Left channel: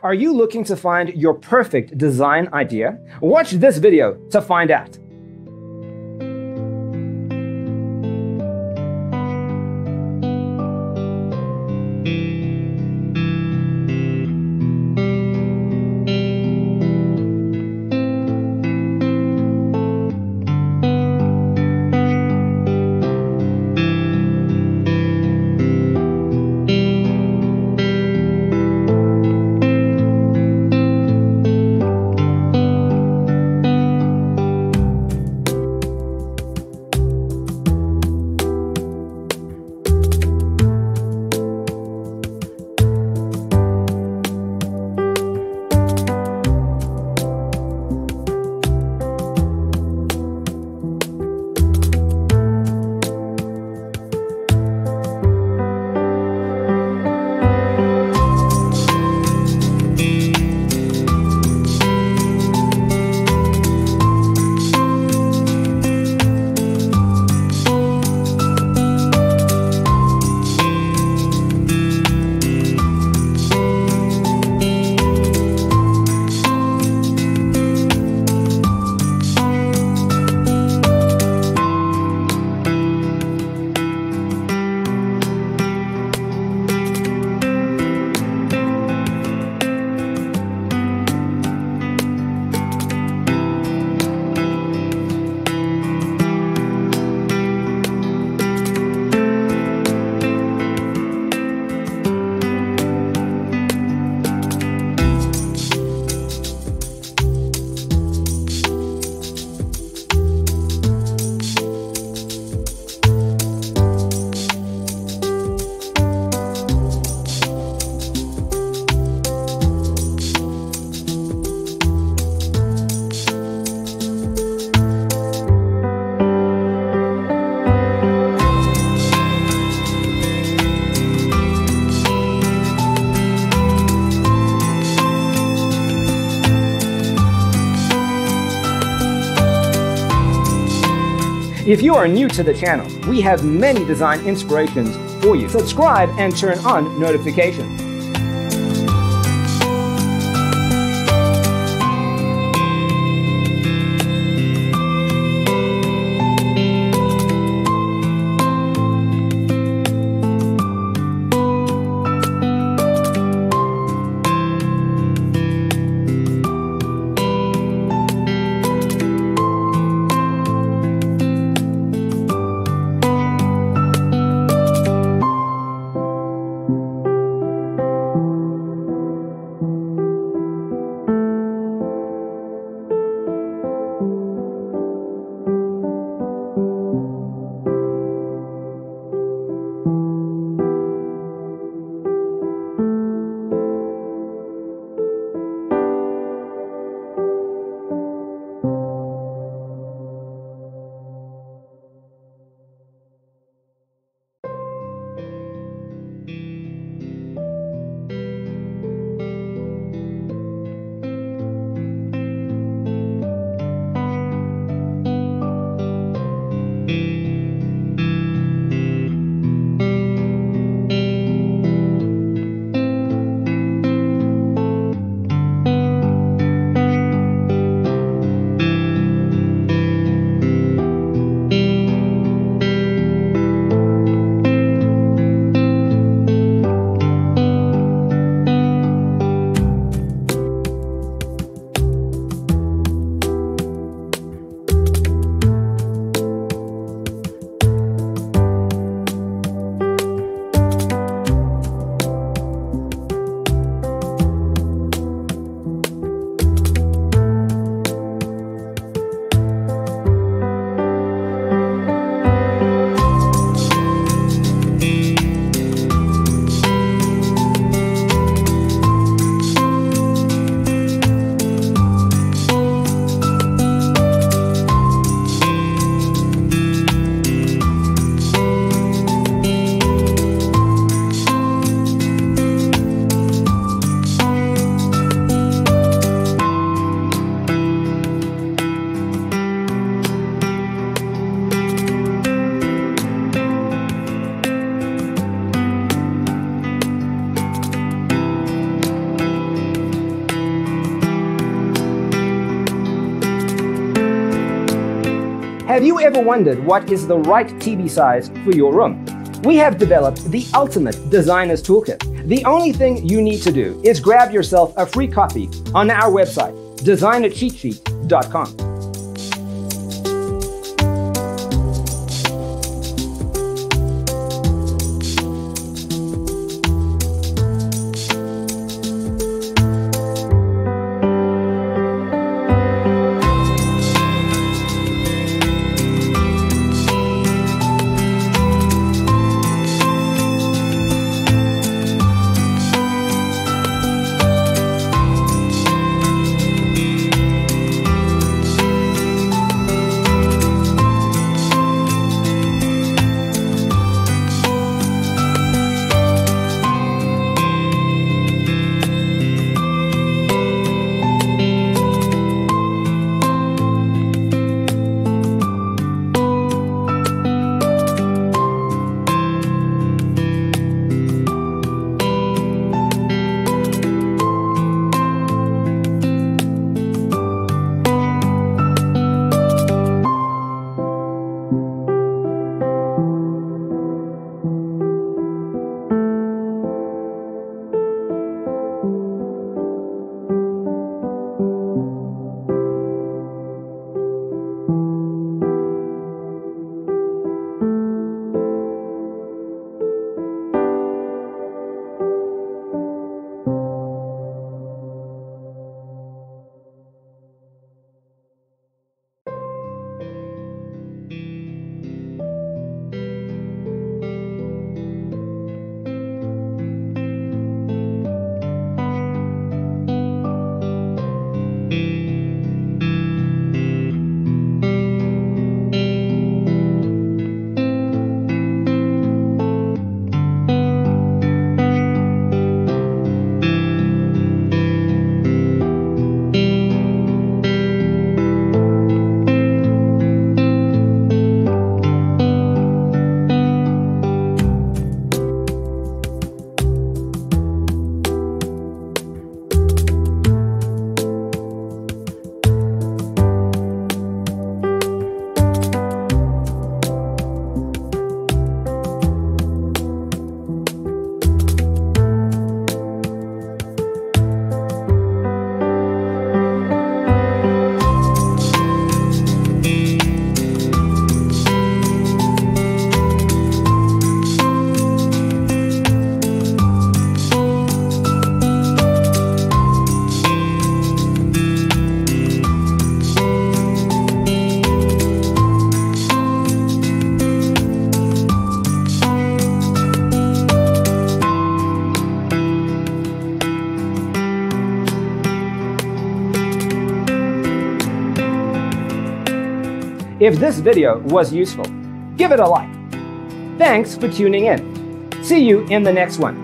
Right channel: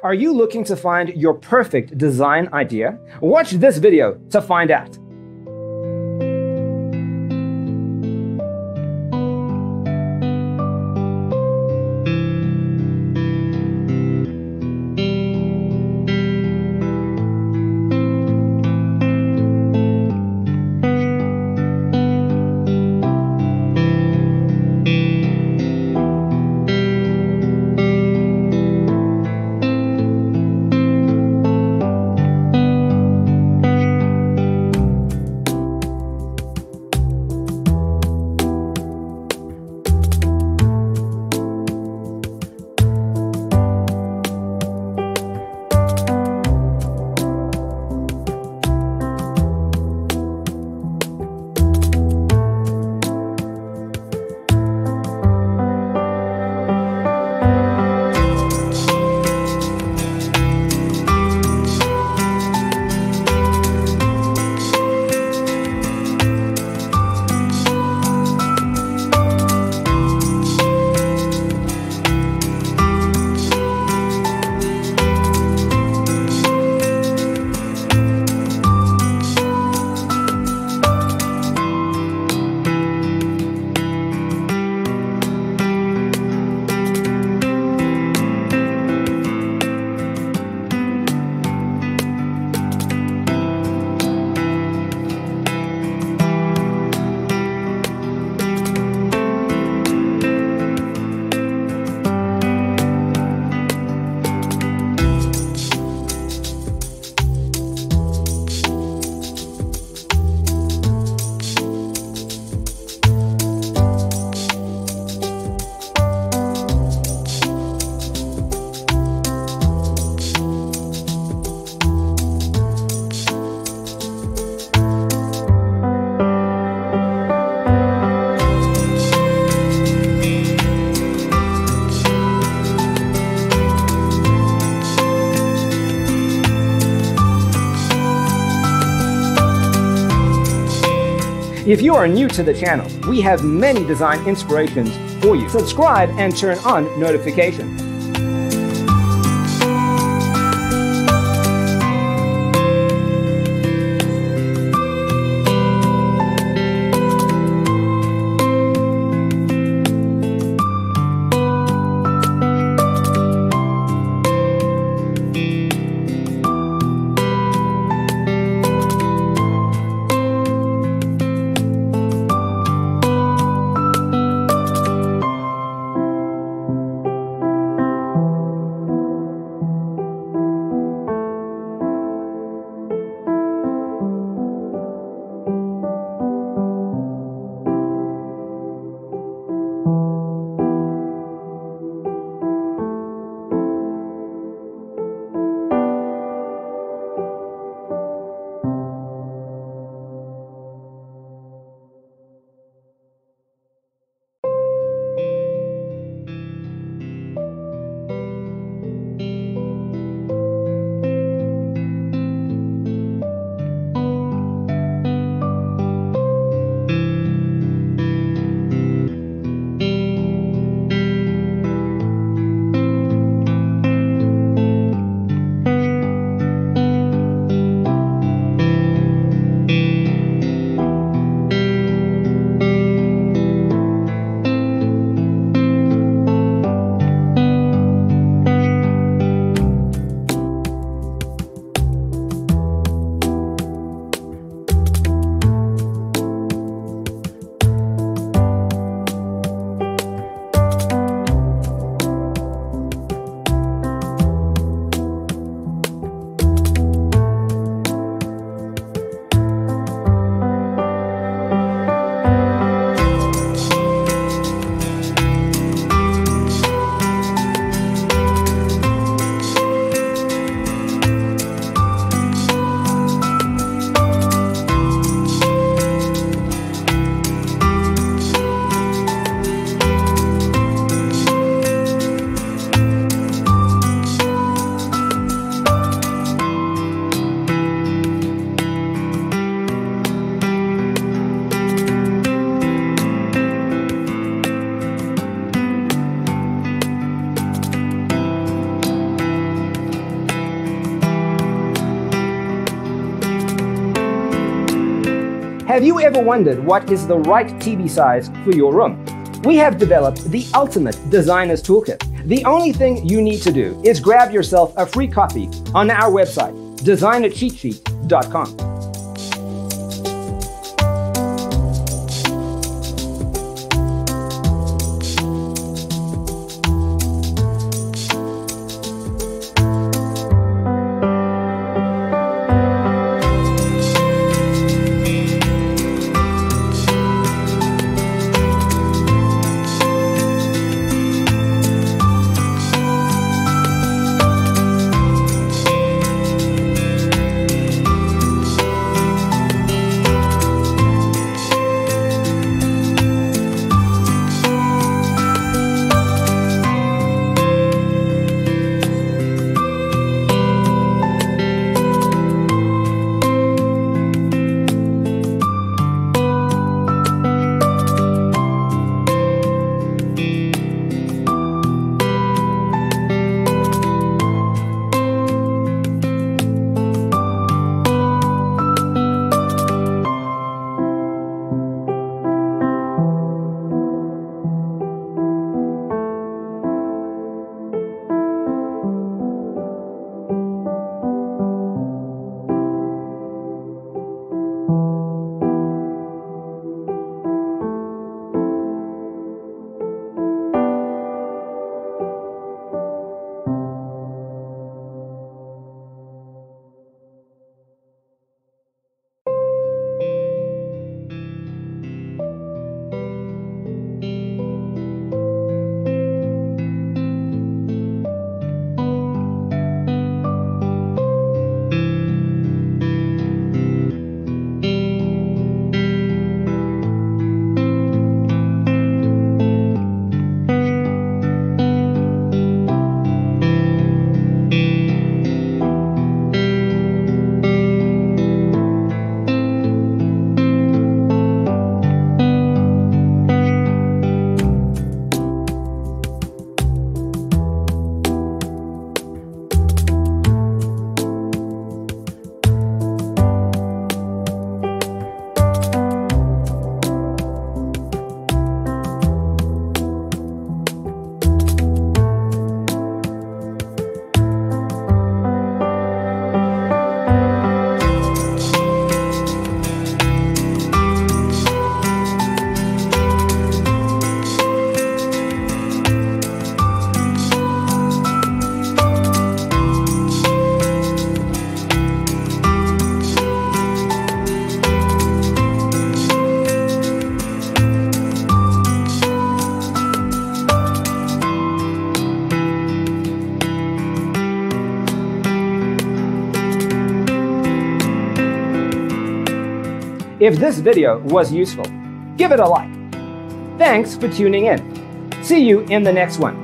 Are you looking to find your perfect design idea? Watch this video to find out. If you are new to the channel, we have many design inspirations for you. Subscribe and turn on notifications. Have you ever wondered what is the right TV size for your room? We have developed the ultimate designer's toolkit. The only thing you need to do is grab yourself a free copy on our website, designercheatsheet.com. If this video was useful, give it a like. Thanks for tuning in. See you in the next one.